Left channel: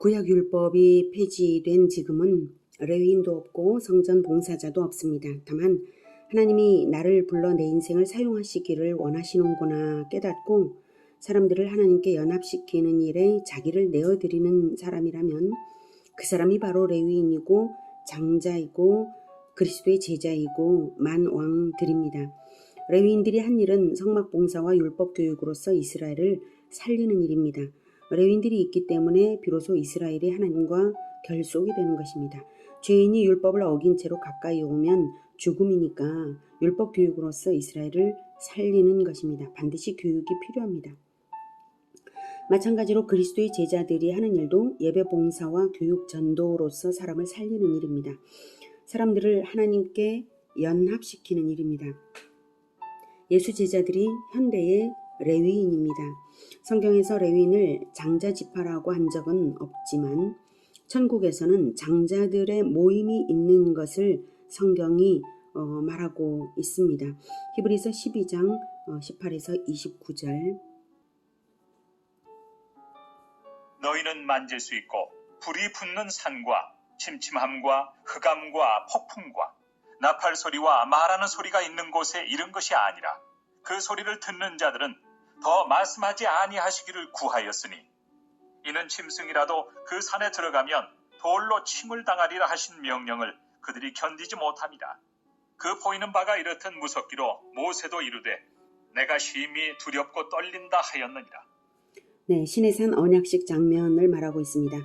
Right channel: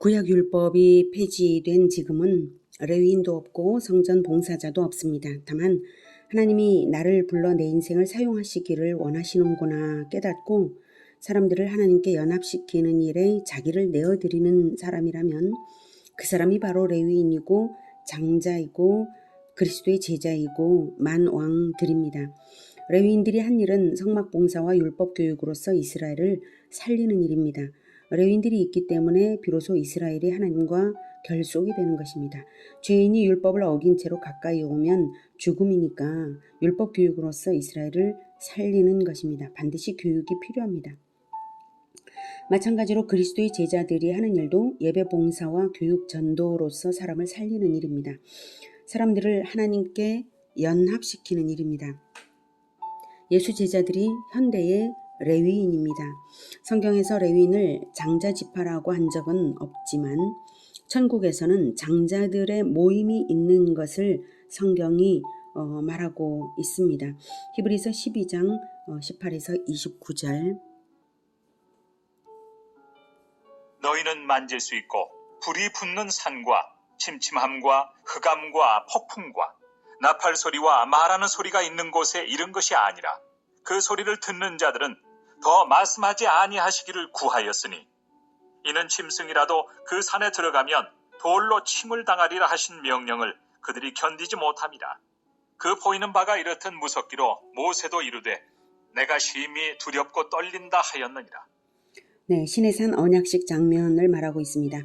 구약율법이 폐지된 지금은 레위인도 없고 성전 봉사자도 없습니다. 다만 하나님이 나를 불러 내 인생을 사용하시기를 원하시는구나 깨닫고 사람들을 하나님께 연합시키는 일에 자기를 내어드리는 사람이라면 그 사람이 바로 레위인이고 장자이고 그리스도의 제자이고 만왕들입니다. 레위인들이 한 일은 성막 봉사와 율법 교육으로서 이스라엘을 살리는 일입니다. 레위인들이 있기 때문에 비로소 이스라엘이 하나님과 결속이 되는 것입니다. 죄인이 율법을 어긴 채로 가까이 오면 죽음이니까 율법 교육으로서 이스라엘을 살리는 것입니다. 반드시 교육이 필요합니다. 마찬가지로 그리스도의 제자들이 하는 일도 예배 봉사와 교육 전도로서 사람을 살리는 일입니다. 사람들을 하나님께 연합시키는 일입니다. 예수 제자들이 현대의 레위인입니다. 성경에서 레위인을 장자지파라고 한 적은 없지만 천국에서는 장자들의 모임이 있는 것을 성경이 말하고 있습니다. 히브리서 12장 18에서 29절. 너희는 만질 수 있고 불이 붙는 산과 침침함과 흑암과 폭풍과 나팔 소리와 말하는 소리가 있는 곳에 이른 것이 아니라 그 소리를 듣는 자들은 더 말씀하지 아니하시기를 구하였으니 이는 짐승이라도 그 산에 들어가면 돌로 침을 당하리라 하신 명령을 그들이 견디지 못함이라. 그 보이는 바가 이렇듯 무섭기로 모세도 이르되 내가 심히 두렵고 떨린다 하였느니라. 네, 시내산 언약식 장면을 말하고 있습니다.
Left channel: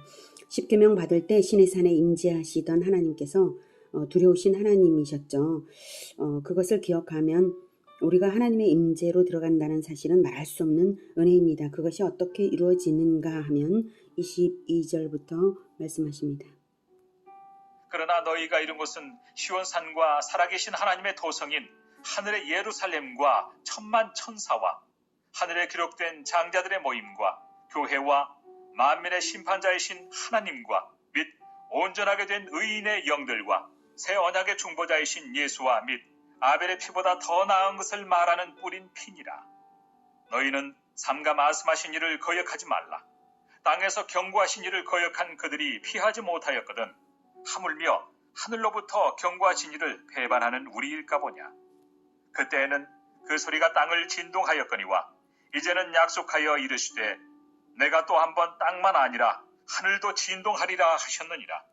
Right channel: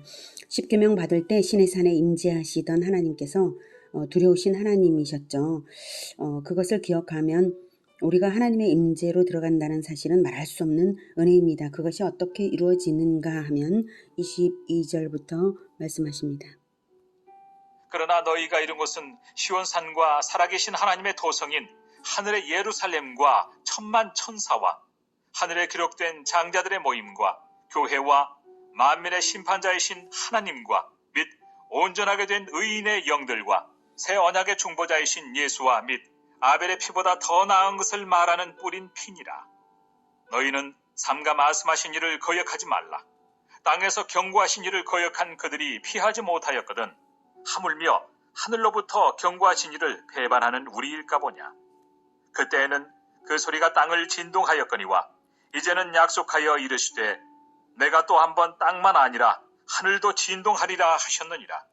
십계명 받을 때 시내산에 임재하시던 하나님께서 두려우신 하나님이셨죠. 그것을 기억하면 우리가 하나님의 임재로 들어간다는 사실은 말할 수 없는 은혜입니다. 그것이 어떻게 이루어지는가 하면 22절부터 말씀하십니다. 그러나 너희가 이룬 것은 시온산과 살아계신 하나님의 도성인 하늘의 예루살렘과 천만 천사와 하늘에 기록된 장자들의 모임과 교회와 만민의 심판자이신 하나님과 및 온전하게 된 의인의 영들과 새 언약의 중보자이신 예수와 및 아벨의 피보다 더 나은 것을 말하는 뿌린 피니라. 너희는 삼가 말씀하신 일을 거역하지 말라. 땅에서 경고하신 일을 거역한 그들이 피하지 못하였거든 하물며 하늘로부터 경고하신 일을 배반하는 우리일까 보냐. 그때에는 그 소리가 땅을 진동하였거니와 이제는 약속하여 이르시되 내가 또 한번 땅만 아니라 하늘도 진동하리라 하셨느니라.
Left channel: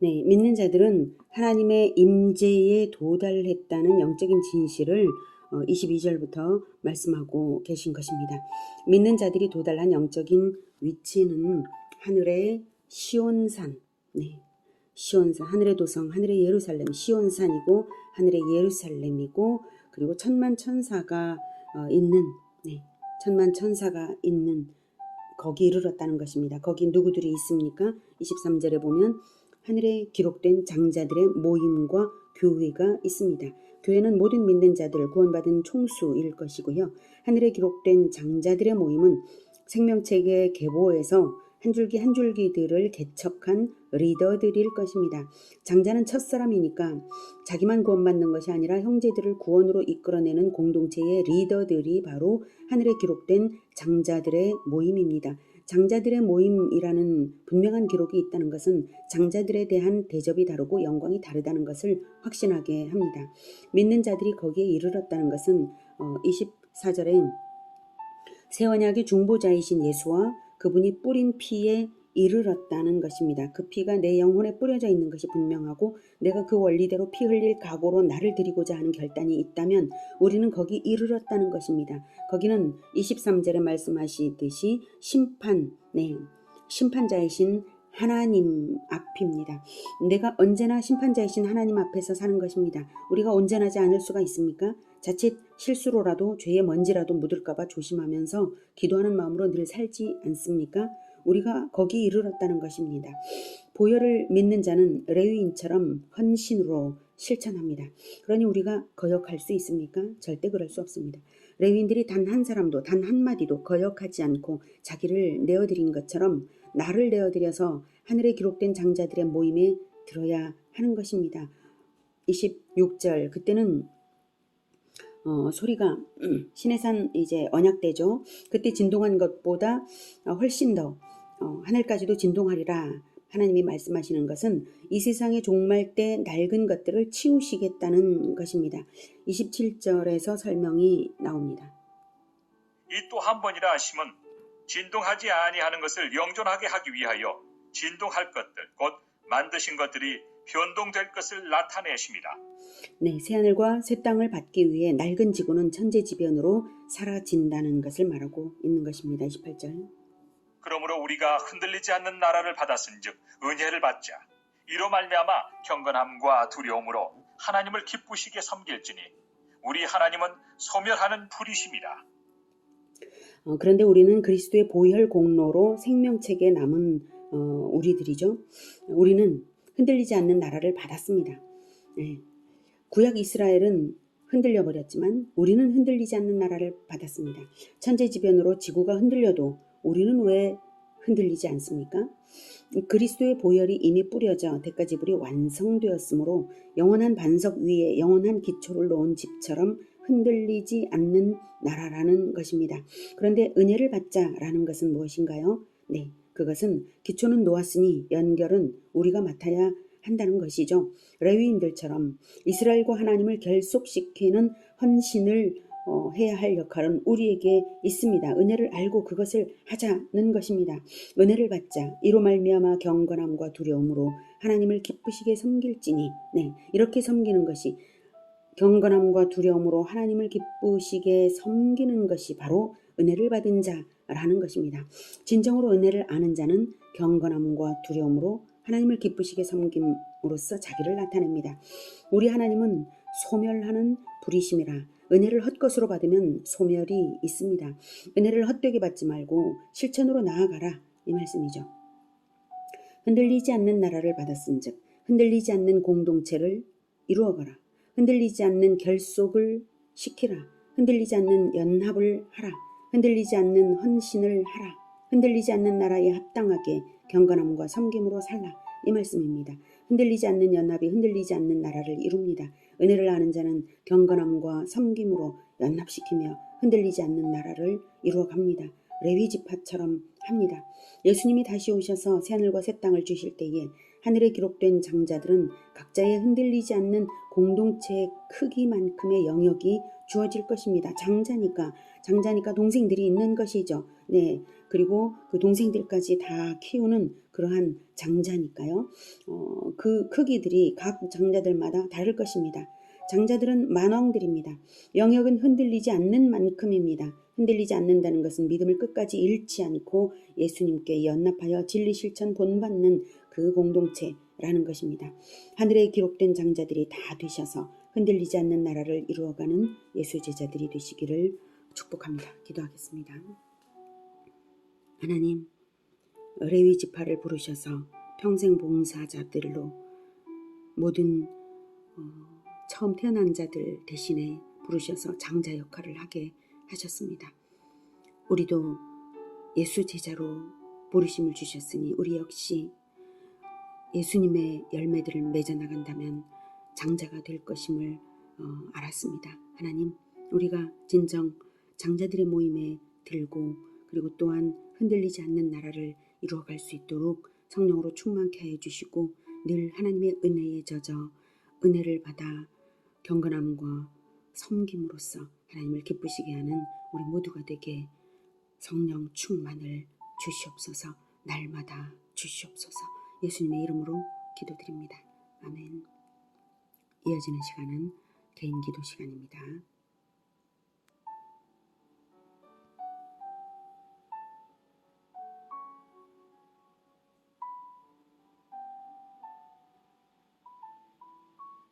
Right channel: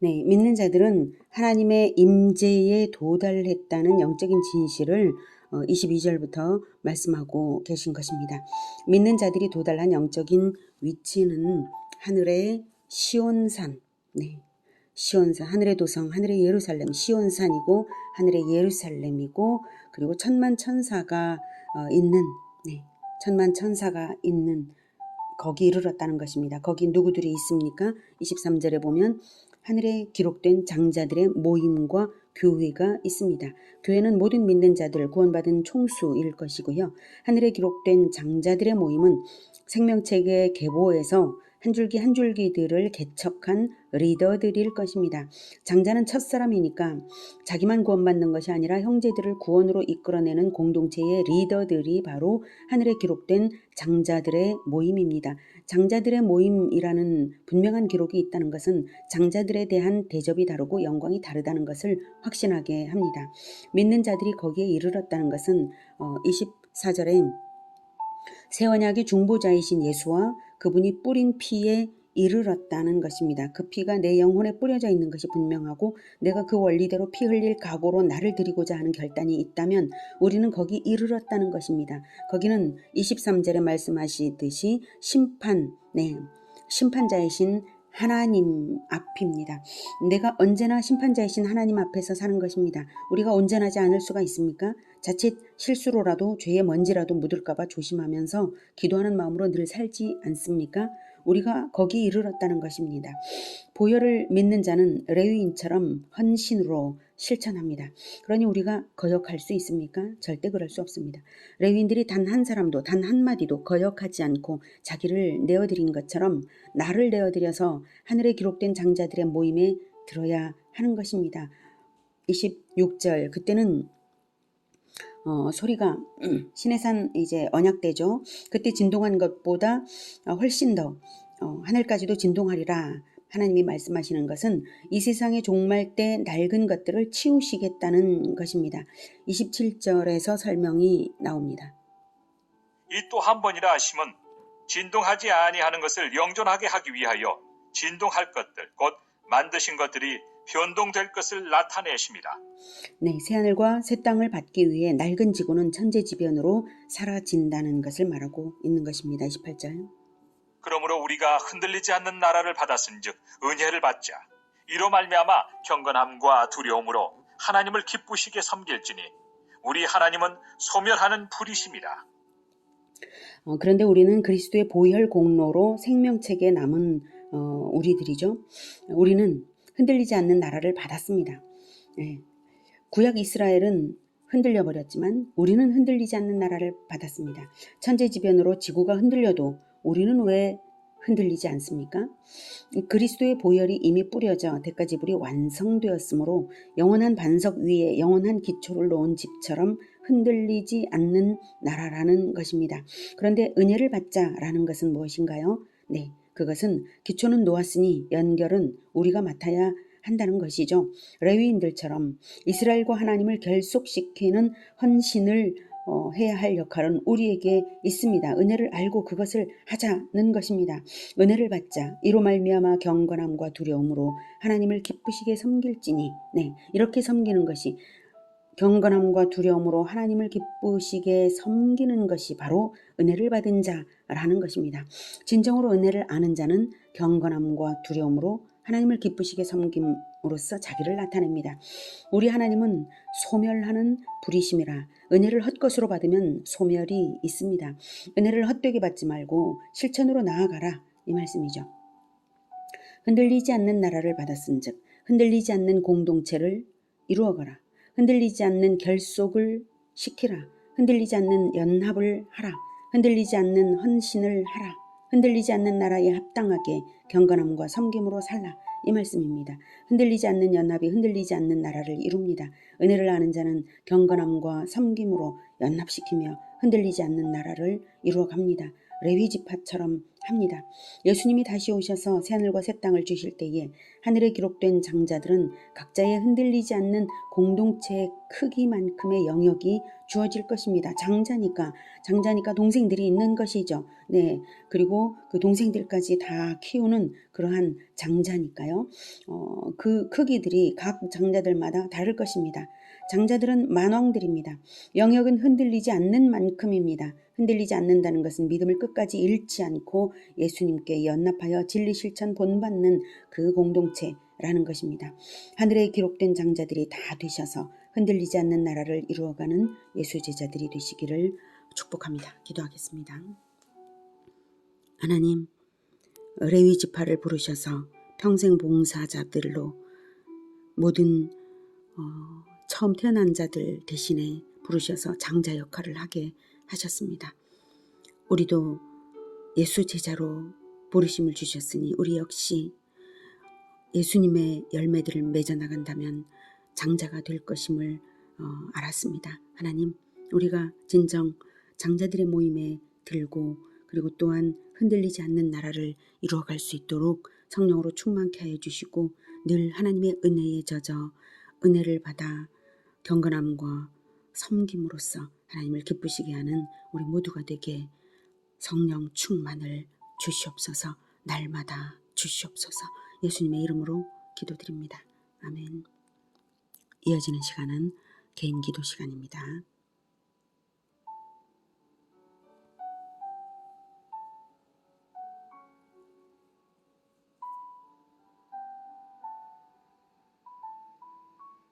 네, 믿는 자들은 하나님의 임재에 도달했다는 영적인 진실을 22절부터 말씀하고 계신 것입니다. 믿는 자들이 도달한 영적인 위치는 하늘의 시온산, 네, 시온산, 하늘의 도성, 하늘의 예루살렘, 시온산이고 하늘의 예루살렘이고 그리고 천만 천사가 있는, 네, 천만 천사가 있는 거기 이르렀다는 것입니다. 거기 누구들이 있습니까? 23절에 보면 하늘에 기록된 장자들의 모임과 교회가 있습니다. 교회는 모든 믿는 자들 구원받은 총수일 것이고요. 하늘에 기록된 장자들의 모임은 생명책의 계보에서 한 줄기 한 줄기들을 개척한 리더들일 것입니다. 장자는 첫사람이니까 자기만 구원받는 것이 아니라 형제들을 구원으로 이끌어내는 공동체의 리더들이 바로 하늘에 기록된 장자들의 모임입니다. 장자들의 모임이라는 분명한 기록이 있다는 것은 장자들에 대한 대접이 다르고 영광이 다르다는 것을 확신하게 합니다. 믿는 자들이 거기에 이르렀다는 것은 24절에 새 언약의 중보자이신 예수와 그분이 뿌린 피에 이르렀다는 것입니다. 그 피가 내 영혼에 뿌려져 있는 것이 분명하고 내가 그 원리대로 피 흘릴 각오로 나를 드리고자 하는 결단이 있다면 우리는 거기 이르렀다는 것입니다. 거기는 23절에 말씀하시듯이 심판자이신 하나님 앞입니다. 내가 언제나 심판자이신 하나님 앞에서 사는 것입니다. 우리가 온전하지 않을 수가 있습니까? 자칫 실수로라도 죄의 먼지라도 묻을까봐 조심하면서 기도하는 마음으로 늘 살지 않습니까? 우리가 거기 이르렀다는 것입니다. 보혈을 믿는 자는 레위인처럼 헌신으로 실천합니다. 그러니 우리가 거역할 수 있습니까? 절대 그럴 수 없습니다. 레위인들이 단 한 사람도 단 한마디도 거역하지 않고 자기를 내어드린 것처럼 나를 내어드려서 하늘에 기록된 장자들의 모임에 들어야 하는 것입니다. 26절 그때는 소리가 시내산 이제 언약 때죠. 그때 진동한 것보다 훨씬 더 하늘까지도 진동하리라. 하나님이 말씀하시는 것은 이 세상의 종말 때 낡은 것들을 치우시겠다는 것입니다. 27절에서 설명이 나옵니다. 이 또 한 번이라 하심은 진동하지 아니하는 것을 영존하게 하기 위하여 진동할 것들 곧 만드신 것들이 변동될 것을 나타내십니다. 네, 새하늘과 새 땅을 받기 위해 낡은 지구는 천재지변으로 사라진다는 것을 말하고 있는 것입니다. 28절. 그러므로 우리가 흔들리지 않는 나라를 받았은즉 은혜를 받자. 이로 말미암아 경건함과 두려움으로 하나님을 기쁘시게 섬길지니 우리 하나님은 소멸하는 불이십니다. 그런데 우리는 그리스도의 보혈 공로로 생명책에 남은 우리들이죠. 우리는 흔들리지 않는 나라를 받았습니다. 네. 구약 이스라엘은 흔들려 버렸지만 우리는 흔들리지 않는 나라를 받았습니다. 천재지변으로 지구가 흔들려도 우리는 왜 흔들리지 않습니까? 그리스도의 보혈이 이미 뿌려져 대가지불이 완성되었으므로 영원한 반석 위에 영원한 기초를 놓은 집처럼 흔들리지 않는 나라라는 것입니다. 그런데 은혜를 받자라는 것은 무엇인가요? 네, 그것은 기초는 놓았으니 연결은 우리가 맡아야 한다는 것이죠. 레위인들처럼 이스라엘과 하나님을 결속시키는 헌신을 해야 할 역할은 우리에게 있습니다. 은혜를 알고 그것을 하자는 것입니다. 은혜를 받자. 이로 말미암아 경건함과 두려움으로 하나님을 기쁘시게 섬길지니, 네, 이렇게 섬기는 것이 경건함과 두려움으로 하나님을 기쁘시게 섬기는 것이 바로 은혜를 받은 자라는 것입니다. 진정으로 은혜를 아는 자는 경건함과 두려움으로 하나님을 기쁘시게 섬김으로써 자기를 나타냅니다. 우리 하나님은 소멸하는 불이심이라. 은혜를 헛것으로 받으면 소멸이 있습니다. 은혜를 헛되게 받지 말고 실천으로 나아가라, 이 말씀이죠. 흔들리지 않는 나라를 받았은즉 흔들리지 않는 공동체를 이루어가라. 흔들리지 않는 결속을 시키라. 흔들리지 않는 연합을 하라. 흔들리지 않는 헌신을 하라. 흔들리지 않는 나라에 합당하게 경건함과 섬김으로 살라, 이 말씀입니다. 흔들리지 않는 연합이 흔들리지 않는 나라를 이룹니다. 은혜를 아는 자는 경건함과 섬김으로 연합시키며 흔들리지 않는 나라를 이루어갑니다. 레위 지파처럼 합니다. 예수님이 다시 오셔서 새하늘과 새 땅을 주실 때에 하늘에 기록된 장자들은 각자의 흔들리지 않는 공동체의 크기만큼의 영역이 주어질 것입니다. 장자니까 동생들이 있는 것이죠. 네, 그리고 그 동생들까지 다 키우는 그러한 장자니까요. 그 크기들이 각 장자들마다 다를 것입니다. 장자들은 만왕들입니다. 영역은 흔들리지 않는 만큼입니다. 흔들리지 않는다는 것은 믿음을 끝까지 잃지 않고 예수님께 연합하여 진리 실천 본받는 그 공동체라는 것입니다. 하늘에 기록된 장자들이 다 되셔서 흔들리지 않는 나라를 이루어가는 예수 제자들이 되시기를 축복합니다. 기도하겠습니다. 하나님, 레위 지파를 부르셔서 평생 봉사자들로 모든 처음 태어난 자들 대신에 부르셔서 장자 역할을 하게 하셨습니다. 우리도 예수 제자로 부르심을 주셨으니 우리 역시 예수님의 열매들을 맺어나간다면 장자가 될 것임을 알았습니다. 하나님, 우리가 진정 장자들의 모임에 들고 그리고 또한 흔들리지 않는 나라를 이루어갈 수 있도록 성령으로 충만케 하여 주시고 늘 하나님의 은혜에 젖어 은혜를 받아 경건함과 섬김으로써 하나님을 기쁘시게 하는 우리 모두가 되게 성령 충만을 주시옵소서. 날마다 주시옵소서. 예수님의 이름으로 기도드립니다. 아멘. 이어지는 시간은 개인 기도 시간입니다.